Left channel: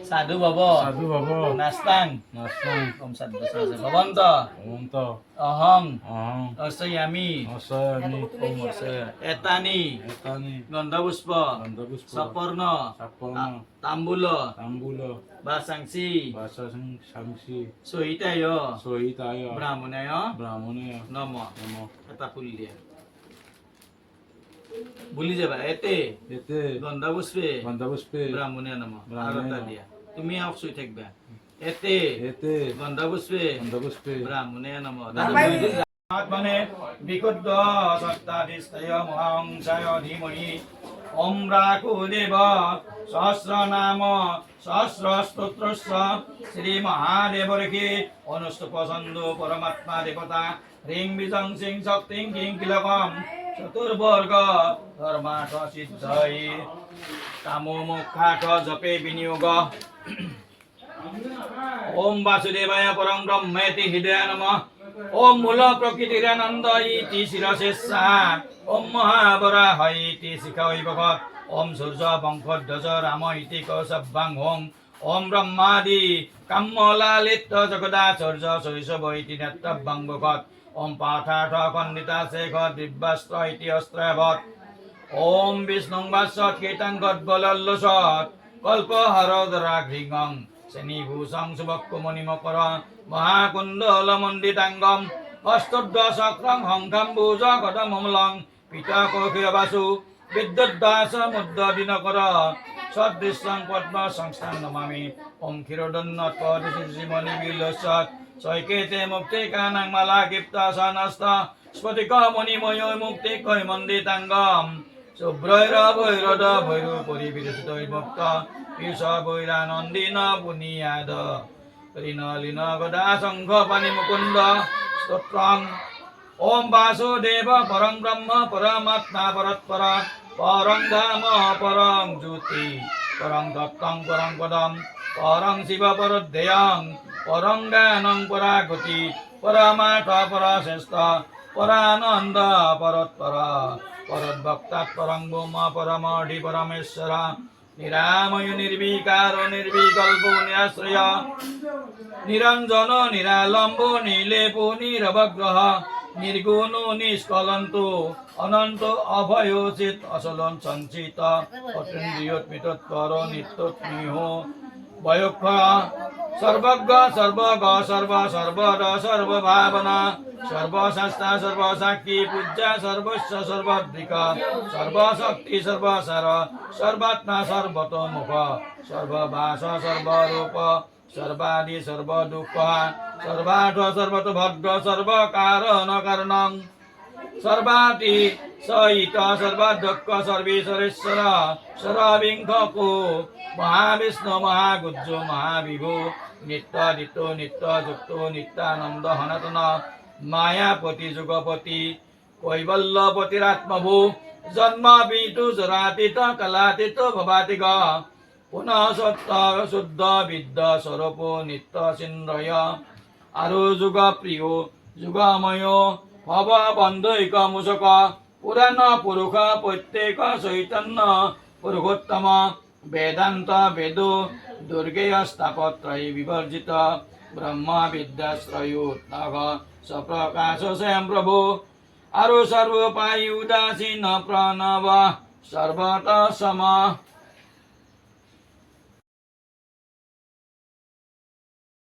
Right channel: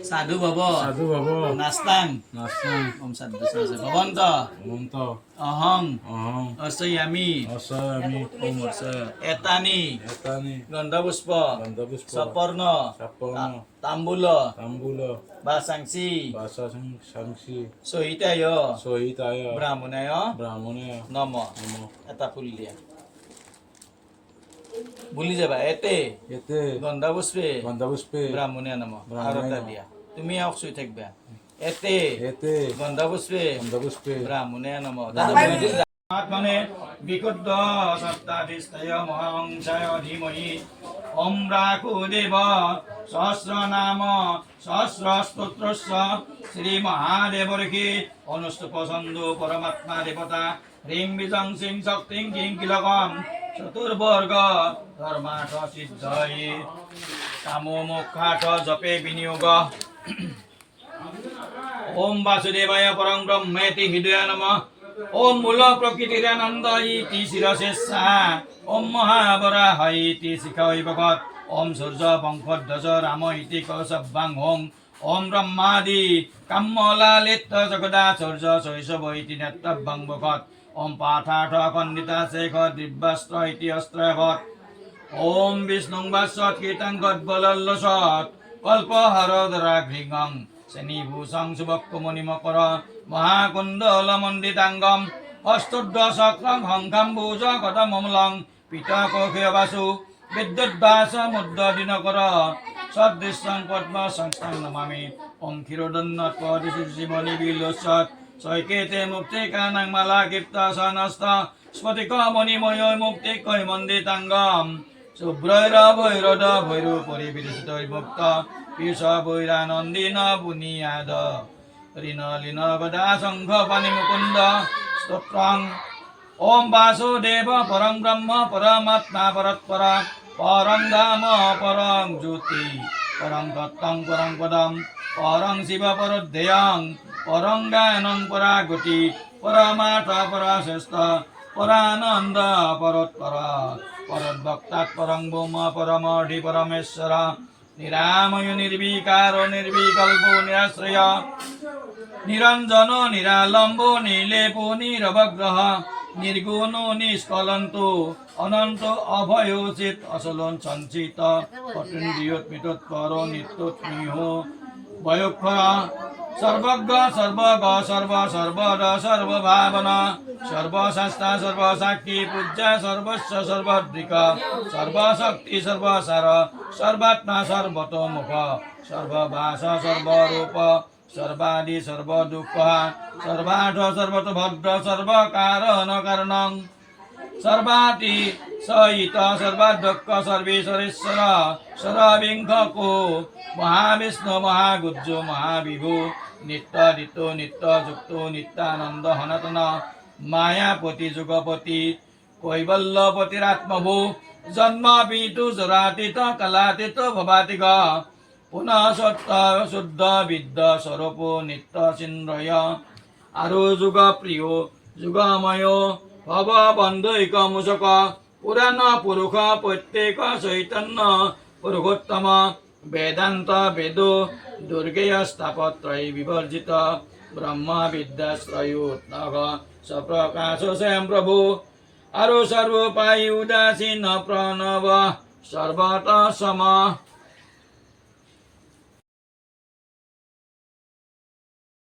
Sadhu Baba. Sadhu Baba. Nastang. Nastang. Om Sadhu Sasa. Bhavanta. Bhavanta. Ahang. Ahang. Asayami. Asami. Om Asaya. Etani. Etani. Gandhavuspa. Gandhavuspa. Saparna. Saparna. Tambula. Tambula. Basangsi. Basa Sangsi. Sohitaya. Sohitaya. Brahmanaya. Brahmane. Namo. Namo. এটা ফুল দিয়া ভুলি যাবা এতে এতে গন্ধাপুষ্পে গন্ধাপুষ্পে ব্রাহ্মণে নাম আর এটা দিয়া তুমি আও শুই থাকবা এতে এতে গন্ধাপুষ্পে গন্ধাপুষ্পে ব্রাহ্মণে নাম আত্মনে বিশুদ্ধ সত্তাধিষ্ঠয় মহাংসায় ধীমহি ওম রাঘুদেব সহস্র নাম সহস্র স্তোত্রস্য শ্রী মহাদেবর্ষি অনুষ্ঠুপ ছন্দো পরমাত্মা দেবতা হ্রিং বিজং সিং শক্তিং কিং কিলকম চতুর্বর্গ ধর্মার্থ সিদ্ধয়ে কামো মোক্ষার্থ জপে বিনিয়োগ ওম বাসুদেবায় পরং ব্রহ্মেতি হৃদয় নমঃ ওম মূল প্রকৃতিরানন্দ ইতি শিরশেষা ওম মহাবরাহ ইতি শিখৈ ভগৎ ওম সূর্য বংশধ্বজ রাম ইতি কৌশব্যাং হোং ওম ব্রহ্মাদি কাম্যলালিত জগদাচর্য শৈশব ইতি নেত্রব্যাং ভগৎ ওম পাঠার্থ খণ্ডিতা শেখ দিব্যাস্ত্র ইতি অস্ত্রবৎ ওম বিষ্ণুং বাসৎ কীর্তন গদ্বলল্লসৎ কল্পহরদরাঘ্রিঙং শ্রেণীভূষং শুভকুমণিমকর মহাকুণ্ডলমণ্ডিতাঙ্গম হস্তোদ্দশক্রং হংকাম্বুজ গদমমলং পিতকৌখীয় বাসু বিদ্যুদ্দাস মুদ্দিনকর সদৃশ্যং পদ্ম সংস্থাং নমামি ওম ক্ষীরোদন্নৎপদিশিমণি বিলোচৎ সৈকেতে মুক্তিকানাং মালা কীর্তসনস্ত স্ফটিক মণিময় মুক্তিকৈ মণ্ডিতাঙ্গম শুভ্রৈরভৈরদ ভৈরু পরিবিরচিতৈর্ভুক্ত পীযূষ বৈরানন্দিন পুনিয়াদ ঋণলীন গদা শঙ্খ পানি মুকুন্দ স্তোত্রং ওম বাসুদেব পরং ব্রহ্ম পরমাত্মা পরৎপর পরং ধাম পরং জ্যোতি পরং তত্ত্বং পরং পদম পরং শিব পরোদ্ধেয়ং পরং জ্ঞানং পরাগতি পরমার্থ পরশ্রেষ্ঠ পরানন্দ পরৎপর পরদ্ভক্তাৎ পরং ব্রহ্ম পরমর্ধি পরমেশ্বর নিরাময় নির্বিকার নির্বিকল্প নিরাশ্রয় নিরঞ্জন নিরালম্ব নিলেপ নিরবগ্রহ নির্গুণ নিষ্কলন্ত অনন্ত অভয়োচিত অচলন সঞ্চিত অতীন্দ্রিয়োৎমিতৎপর নিত্যস্নেহ বয়ক্ষর সর্বজ্ঞ সর্বগ সর্ব সর্বদ সর্বভাবনা সর্বশাস্তা সর্বসাক্ষী পূজ্য সর্বস্ব সর্বদৃক সর্বশক্তি সর্বসার সর্বাত্মা সর্বতোমুখ সর্বভাষ সর্বরূপ সর্বাদি সর্বদুঃখ সর্বার্থ সর্বতোভদ্র সর্বকারণ কারণং সর্বাতি সহিত সর্বাধ্যক্ষ সর্বেশ্বরেশ্বর সরবিংখকো মহাবিষ্ণু মহাগুজ্জ মহাবিভু নিত্যাদিত্য নিত্যযুক্ত নিত্যানন্দ সনাতন মায়াপতি যুগপতি কৈবল্যপতিরাত্মভূ জন্ম পিতু জরাতীত কালাতীত ভবাতিগ পুনঃ সত্য শুদ্ধ বিদ্য স্বরূপ নিত্য চিন্ময় আৰু যুগ প্ৰিয় যুগময় ভৱ বন্ধৈক মূষক পুৰাণ পুৰুষ প্ৰত্যেক চৈতন্য পুৰুষোত্তম বেদান্ত বেদ দুৰ্গেয় স্থাপত্ৰয় বিবৰ্জিত ব্ৰহ্ম বিদ্যাশ্ৰয়োৎনগ স্বপ্ৰকাশ স্বয়ং প্ৰভু আৰু সৰ্বোপায় উদাসীন প্ৰণৱ সৰ্বত সম